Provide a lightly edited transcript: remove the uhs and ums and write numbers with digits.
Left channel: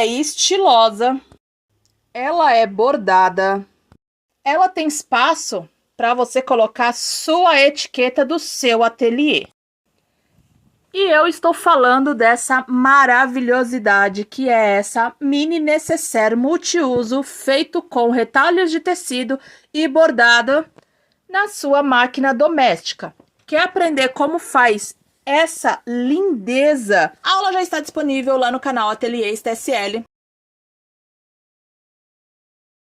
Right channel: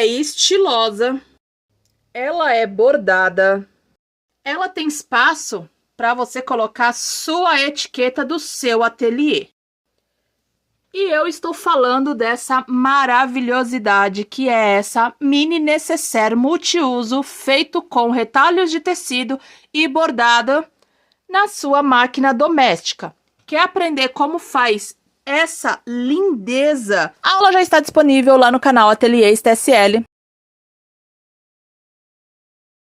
é estilosa, ela é bordada, ela tem espaço para você colocar sua etiqueta do seu ateliê. E eu estou falando dessa maravilhosidade que é essa mini necessaire multiuso feito com retalhos de tecido e bordada na sua máquina doméstica. Quer aprender como faz essa lindeza? A aula já está disponível lá no canal Ateliês TSL.